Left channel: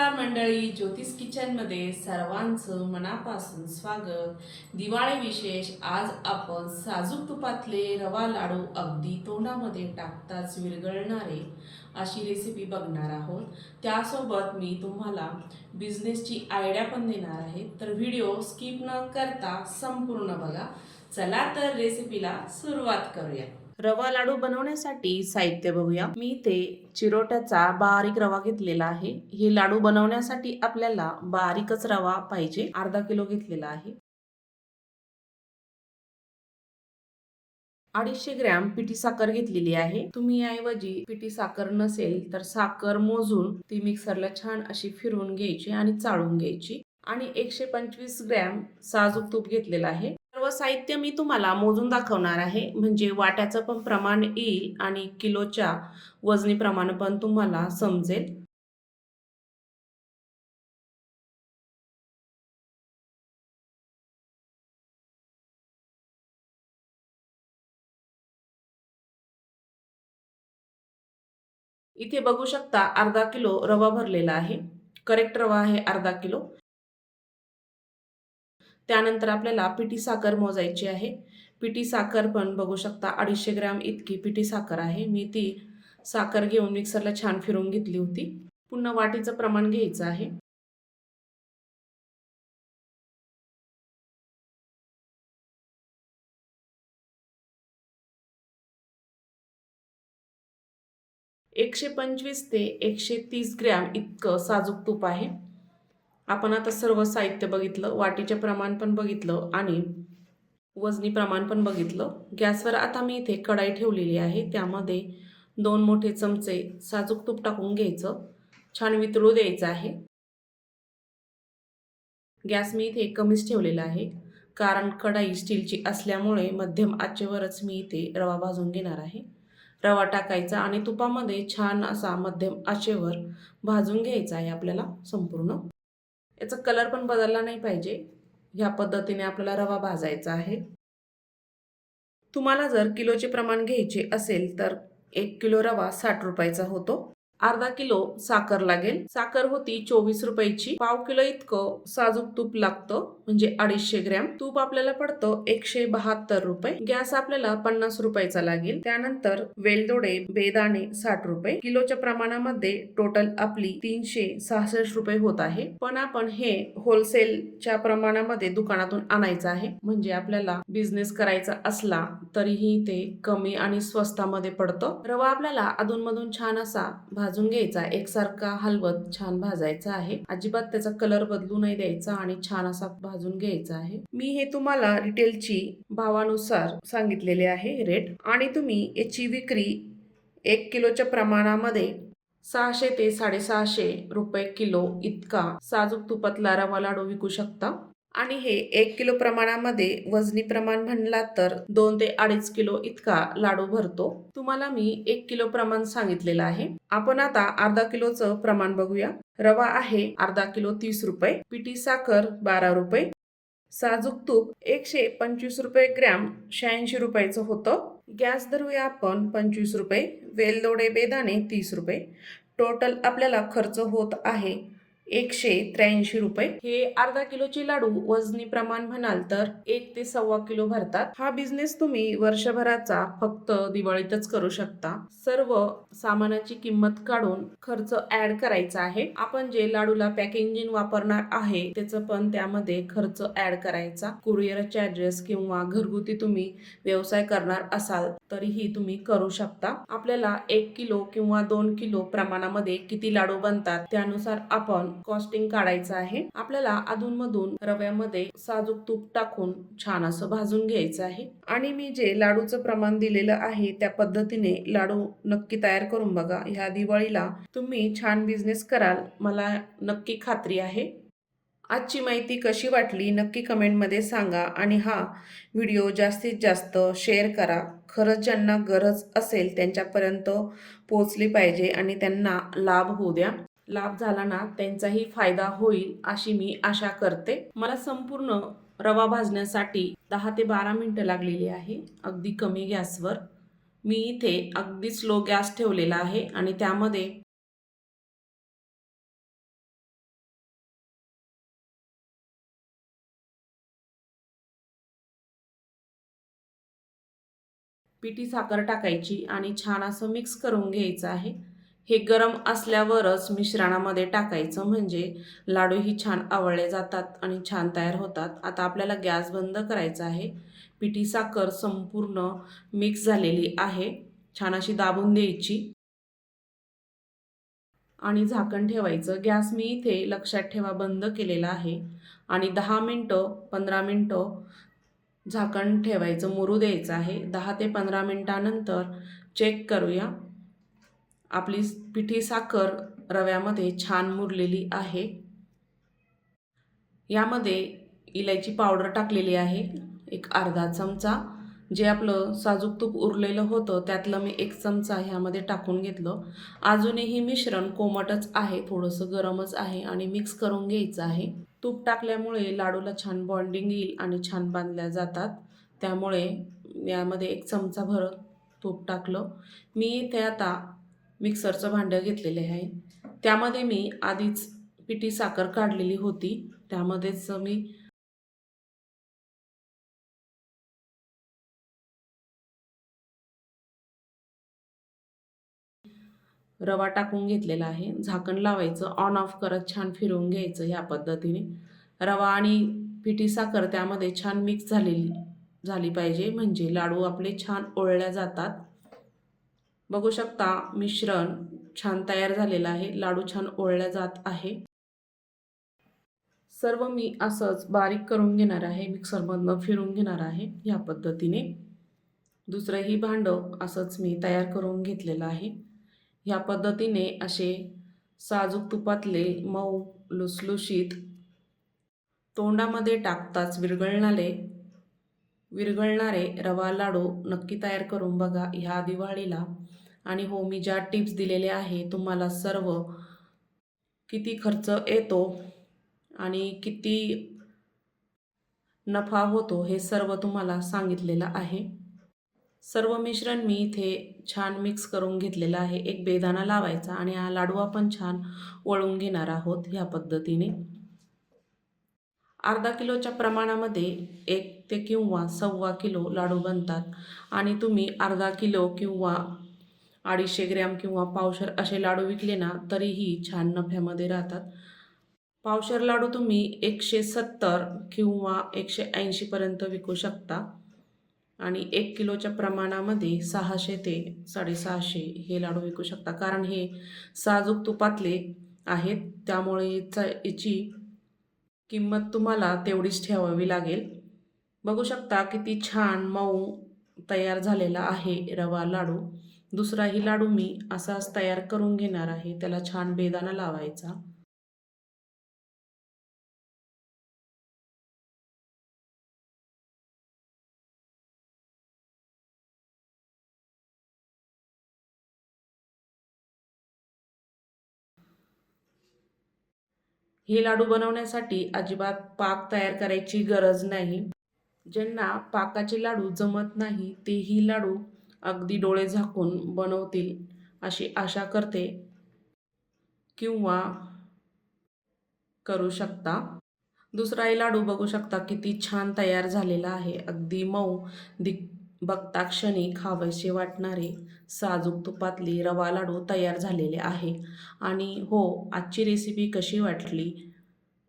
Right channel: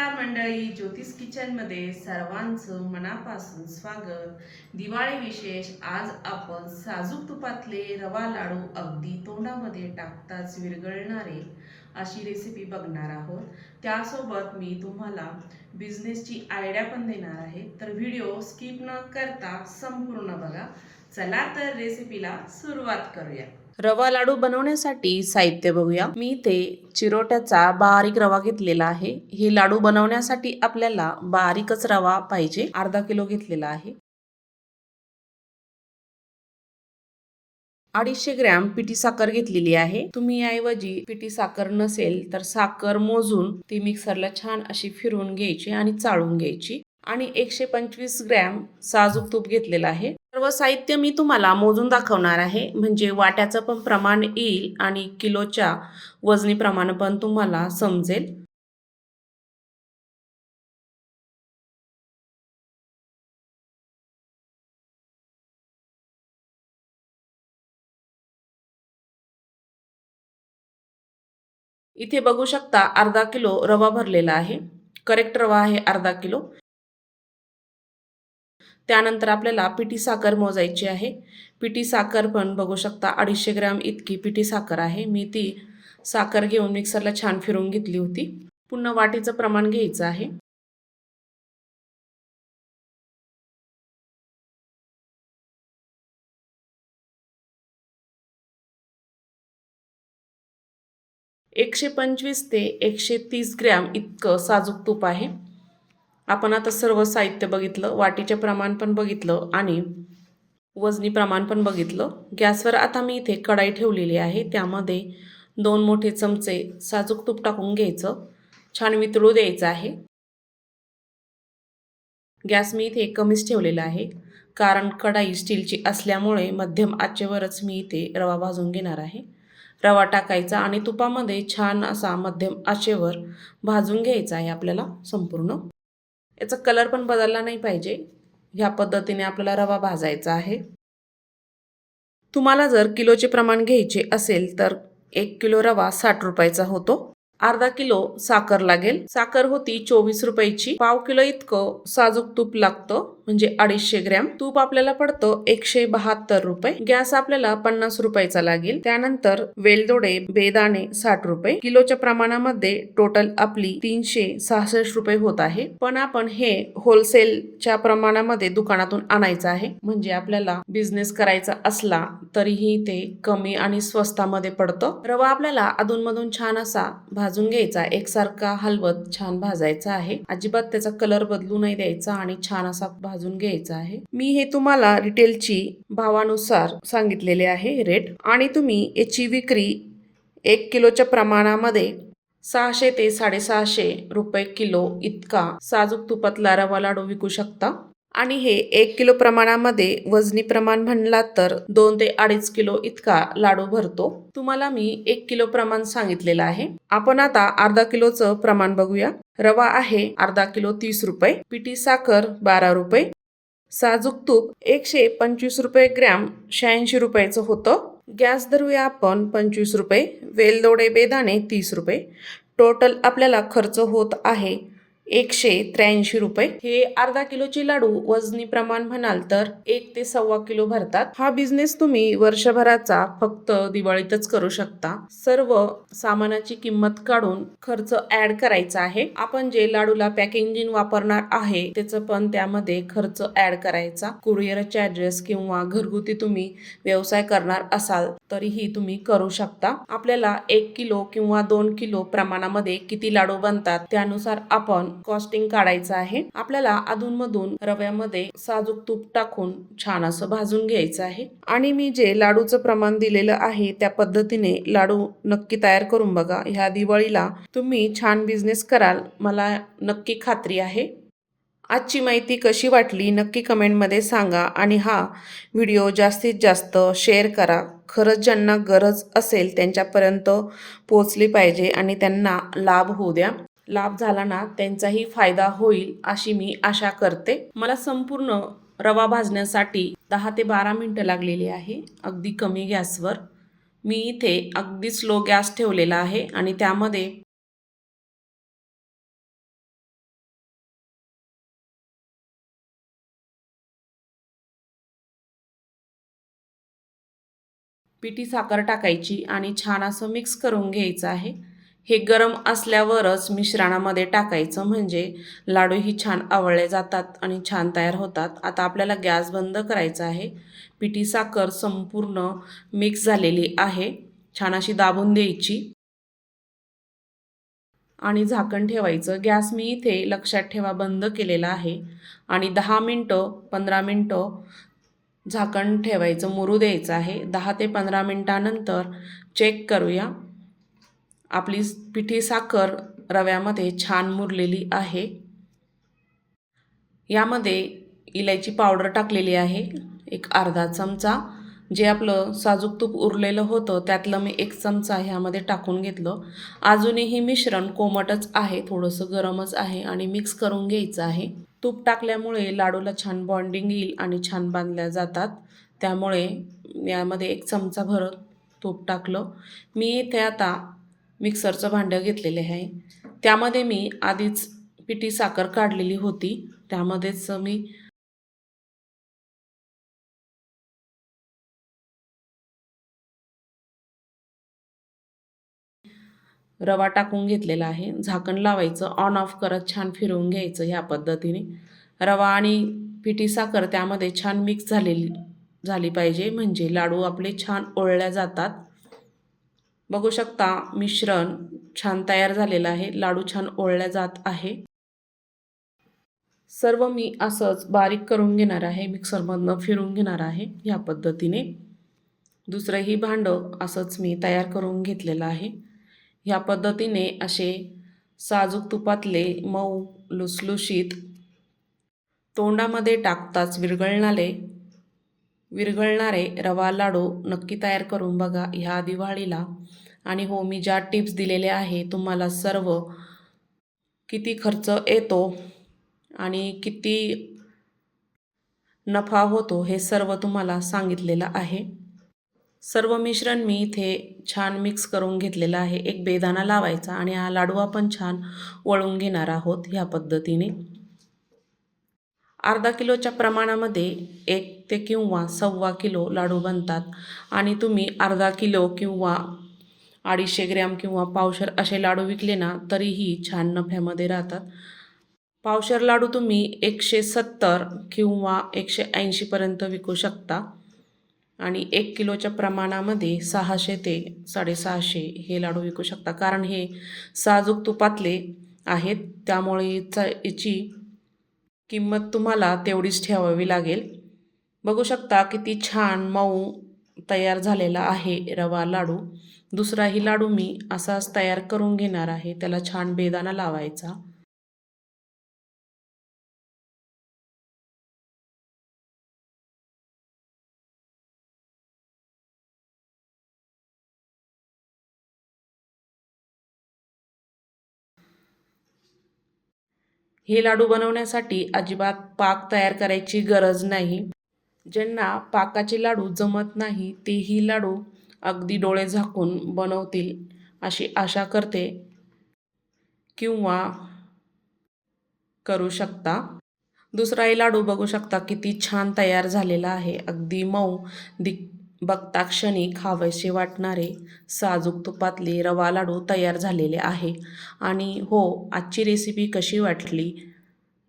नमस्कार मंडळी ज्योतिष किचनमध्ये सर्वांचं मनापासून स्वागत. दिवाळी विशेष आज आपण साजूक तुपातले रवा लाडू अगदी तोंडामध्ये टाकताच विरघळणारे अशी रेसिपी बघणार आहोत. त्यासोबत मी तुम्हाला बिझनेसची आयडिया पण देणार आहे. तर व्हिडिओ स्किप न करता संपूर्ण बघा. चला तर रेसिपीला सुरुवात करूया. रवा लाडू बनवण्यासाठी साहित्य बघूया. मी ते चिरोट्याचा बारीक रवा घेतलेला आहे. हे लाडू बनवण्यासाठी आपल्याला बारीकच रवा पाहिजे. अर्धा किलो घेतलेला आहे. अडीचशे ग्रॅम पिठी साखर घेतलेली आहे. तुम्ही ऐवजी पिठी साखर नसेल तर साखर मोजून ती मिक्सरला छान अशी फिरवून घ्यायची आणि चाळून घ्यायची. आणि एकशे पंचवीस ग्रॅम साजूक तूप घेतलेलं आहे. सर्व साहित्य मी तुम्हाला मोजून दाखवणार आहे. म्हणजे वाट्याचं पण प्रमाण येईल आणि किलोच्या वजनी प्रमाण पण तुम्हाला समजेल. इथे बघू शकता अर्धा किलो रवा भरलेला आहे. करेक्ट रवा आहे अर्धा किलो. त्यानंतर आपल्याला पिठी साखर मोजायची आहे. पिठी साखर पण बघू शकता अडीचशे ग्रॅम इतकी पिठी साखर आहे. मी ती साखर घेऊन मिक्सरला छान फिरवून घेतली होती. पुन्हा वाटीचं प्रमाण घ्यायचं आहे. एकशे पंचवीस ते एकशे तीस ग्रॅम इतकं साजूक तूप आहे. आपण आता सर्व साहित्य बघितलं वाटीचे प्रमाण पण बघितलं आणि वजनी प्रमाण पण बघितलं. गॅसवर आता मी इथे कढाई ठेवलेली आहे. त्यामध्ये दोन मोठे चमचे साजूक तूप टाकून घ्यायचं. छान वितळू द्यायचं आहे. गॅस मी इथे कमीच ठेवलेला आहे. कारण कढाई स्टीलची असल्यामुळे मध्यम आचेवरच मी इथे रवा भाजून घेणार आहे. रवा टाकायचा आणि तुपामध्ये छान असा मध्यम आचेवर भाजून घ्यायचा आहे आपल्याला संपूर्ण. याचा कलर पण बदलला नाही पाहिजे. ह्या पद्धतीने आपल्याला रवा भाजायचा आहे. तुम्हाला जर किलोचे प्रमाण घ्यायचे असेल तर एक किलो रवा साठ रुपयाचा होतो. अर्धा किलो साखर लागेल. साखर होती चोवीस रुपयाची. पाव किलो इतकं साजूक तूप लागतं. म्हणजे अडीचशे ग्रॅम. तूप आपल्याला पडतं एकशे बहात्तर रुपये. गॅस आपल्याला पन्नास रुपयाचा लागेल. त्यानंतर वेलदोडे बेदाणे साठ रुपये. किलोच्या प्रमाणामध्ये टोटल आपली तीनशे सहासष्ट रुपये होत आहे. पण आपण हे होलसेलच्या प्रमाणामध्ये दुकानातून आणायचं आहे. म्हणजे आपल्याला बिझनेस करायचा असला तरीही ते कमी आणि स्वस्तामध्ये पडतं. रवा आपल्याला अधूनमधून छान असा भाजून घ्यायचा. एकसारखा हलवत छान भाजायचा आहे. अजिबात त्याचा कलर बदलू नाही द्यायचा आणि छान असा भाजून घ्यायचा आहे. मी हे तुम्हाला रिटेलची भावानुसार सांगितलेले आहे रेट. आणि तुम्ही याची विक्री एक किलोच्या प्रमाणामध्ये सहाशे ते साडेसहाशे रुपये किलो इतका साजूक तुपातला रवा लाडू विकू शकता. आणि हे एक किलो प्रमाणामध्ये वजनी प्रमाण म्हणला तर दोन ते अडीच किलो इतका लाडू भरतो. तुम्हाला मी एक किलो प्रमाण सांगितलेलं आहे. आपण आता अर्धा किलोचं प्रमाण बघूया. रवा आहे अर्धा किलो तीस रुपये पिठी साखर बारा रुपये साजूक तूप एकशे पंचवीस रुपये ग्रॅम शहाऐंशी रुपयाचं होतं. गॅस धरूया आपण पंचवीस रुपये वेलदोडे बेदाणे तीस रुपये. टोटल आपल्याला खर्च होत आहे एकशे त्र्याऐंशी रुपये. हे अर्धा किलोचे लाडू वजनी प्रमाण म्हणाल तर एक ते सव्वा किलो भरतात. हा बिझनेस तुम्ही वर्षभराचा फक्त दिवाळीतच करू शकता. सर्व सामानाची किंमत काढून खर्च ऍड करायचा आहे. आपण जे लाडूला पॅकेजिंग वापरणार आहे त्याचं पण त्यामध्ये खर्च ऍड करायचा. कुरिअर चार्जेस किंवा घरगुती तुम्ही व्यवसाय करणार असाल तरीही तुम्ही करू शकता. आपल्याला एक किलो किंवा दोन किलो प्रमाणामध्ये किती लाडू बनतात त्यानुसार आपण कॉस्टिंग काढायचं आहे. आपल्याला अधूनमधून रव्यामध्ये साजूक तूप टाकून छान असं भाजून घ्यायचं आहे. आणि मी जे लाडूचं प्रमाण दिलेलं आहे त्या पद्धतीने लाडू नक्की तयार करून बघा. ह्या दिवाळीला तुम्ही छान बिझनेस कराल मला नक्की खात्री आहे. आजची माहिती कशी वाटली नक्की कमेंटमध्ये सांगा. आणि हा व्हिडिओ जास्तीत जास्त शेअर करा. खरंच ज्यांना गरज असेल त्यांच्यापर्यंत पोचली पाहिजे आणि त्यांना लाभ होऊ द्या. लाभ झाला ना त्यांचाही फायदा होईल अशी मी आशा करते. मला संपूर्ण रवा भाजण्यासाठी दहा ते बारा मिनटं लागलेली आहे. अगदी कमी गॅसवर. मी इथे अगदी स्लो गॅस ठेवलेला आहे आणि त्यामध्ये पिठी साखर टाकायची आणि छान असं मिक्स करून घ्यायचं आहे. हे गरम असल्यावरच मिश्रणामध्ये टाकायचं म्हणजे लाडूही छान आवळले जातात आणि छान तयार होतात. आता आपल्याला गॅस बंद करायचा आहे. पिठी साखर संपूर्ण मिक्स झालेली आहे. छान अशी दाबून द्यायची. आणि झाकण ठेवायचं. गॅस मी इथे लक्षात ठेवा बंद केलेला आहे. आणि दहा मिनटं पंधरा मिनटं झाकण ठेवायचं मुरू द्यायचं आहे. दहा ते पंधरा मिनटानंतर चेक करूया. आपली पिठी साखर रव्यामध्ये छान मुरलेली आहे. यामध्ये इलायची पावडर टाकलेली आहे. एक अर्धा चमचा. जे आपलं साजूक तूप उरलेलं होतं त्यातलं मी एक चमचा ह्यामध्ये टाकून घेतलं. अजूनही मिश्रण कोमटच आहे थोडंसं गरमच आहे आणि मिक्स करून घ्यायचं आहे. तूप टाकल्यामुळे लाडूला छान बॉन्डिंग येईल आणि छान बांधल्या जातात. त्यामुळे यामध्ये एक चमचा भर तूप टाकलं. मी इथे आता मिक्सरचं भांडं घेतलेलं आहे. त्यामध्ये मी आधीच पिठी साखर काढलेली होती. त्यामध्येच मी रवा टाकून घेतलेला आहे. झाकण लावायचं ऑन ऑफ करत छान फिरवून घ्यायचं ह्या पद्धतीने. रवा आणि पिठी साखर त्यामध्ये छान मिक्स झालेली झाली पाहिजे. म्हणजे लाडू आपले छान ओळल्या जातात. बघू शकता मिश्रण छान तयार झालेलं आहे. लाडू छान ओळल्या जात आहे. सर्व मी असंच बारीक करून घेणार आहे. मिक्सरमधनं फिरून घेणार आहे ह्या पद्धतीने. दुसरंही भांडं असंच मी तयार करून घेतलेलं आहे. ह्या पद्धतीने असे साजूक तुपातले मऊ लुसलुशीत तोंडामध्ये टाकताच विरघळणारे विरघळणारे रवा लाडू नक्की तयार करून बघा ह्या दिवाळीला. आणि हो मी ज्या टिप्स दिलेल्या आहे तुम्हाला सर्व किती खर्च येतो आणि किती नफा होतो हे सर्व तुम्हाला सांगितलेलं आहे. सर्व मिश्रण मी इथे छान मिक्स करून घेतलेलं आहे. एक बेदाना लावायचा आणि हा लाडू आपण छान वळून घेणार आहोत ह्या पद्धतीने. अर्धा किलोच्या प्रमाणामध्ये एक ते किंवा सव्वा किलो लाडू बनतात. आणि तुम्ही अर्धा किलो किंवा अडीचशे ग्रॅम किंवा पावशर असे लाडू विकले ना तरीही छान नफ्यामध्ये राहतात. पावशर लाडू तुम्ही एकशे सत्तर किंवा एकशे ऐंशीपर्यंत विकू शकता. आणि एक किलोच्या प्रमाणामध्ये सहाशे ते साडेसहाशे हे लाडू विकू शकता. कारण हे साजूक तुपातले आहेत. त्यामुळे याचा याची किंमत तुम्हाला तेवढीच ठेवावी लागेल. बघू शकता किती छान मऊ तयार झालेला आहे रवा लाडू. दुसराही लाडू मी असाच तयार करून घेणार आहे. त्याला छान बेदाना लावायचा. हे लाडू बनवण्यासाठी अजिबात पाक तयार करायची गरज नाही. ज्यांना पाकाचे लाडू जमत नाही तेही लाडू अगदी डोळे झाकून बनवतील अशी आशा करते किंवा करू शकता. दुसराही लाडू बघू शकता किती छान तयार झालेला आहे. अगदी मऊ दि बघता क्षणी खावेसे वाटणारे साजूक तुपातले रवा लाडू तयार झालेले आहे. आणि हो आजची रेसिपी कशी वाटली?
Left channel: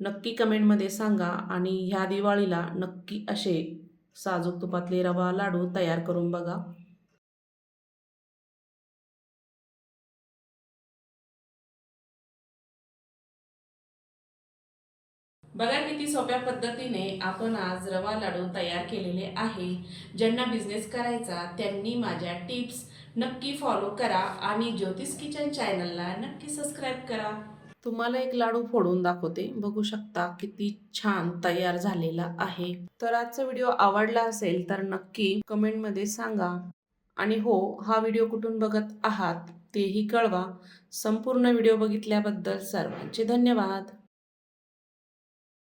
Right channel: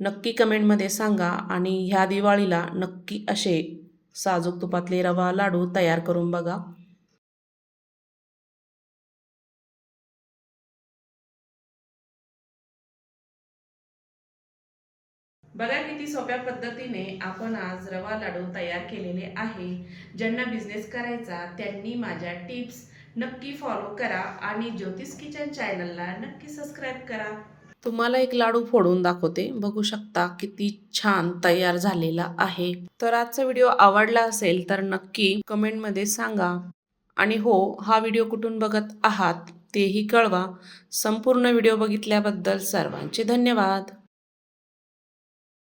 नक्की कमेंटमध्ये सांगा आणि ह्या दिवाळीला नक्की असे साजूक तुपातले रवा लाडू तयार करून बघा. बघा किती सोप्या पद्धतीने आपण आज रवा लाडू तयार केलेले आहे. ज्यांना बिझनेस करायचा त्यांनी माझ्या टिप्स नक्की फॉलो करा आणि ज्योतिष किचन चॅनलला नक्की सबस्क्राईब करा. तुम्हाला एक लाडू फोडून दाखवते. बघू शकता किती छान तयार झालेला आहे. तर आजचा व्हिडिओ आवडला असेल तर नक्की कमेंटमध्ये सांगा. आणि हो हा व्हिडिओ कुठून बघत आहात तेही कळवा. संपूर्ण व्हिडिओ बघितल्याबद्दल सर्वांचे धन्यवाद.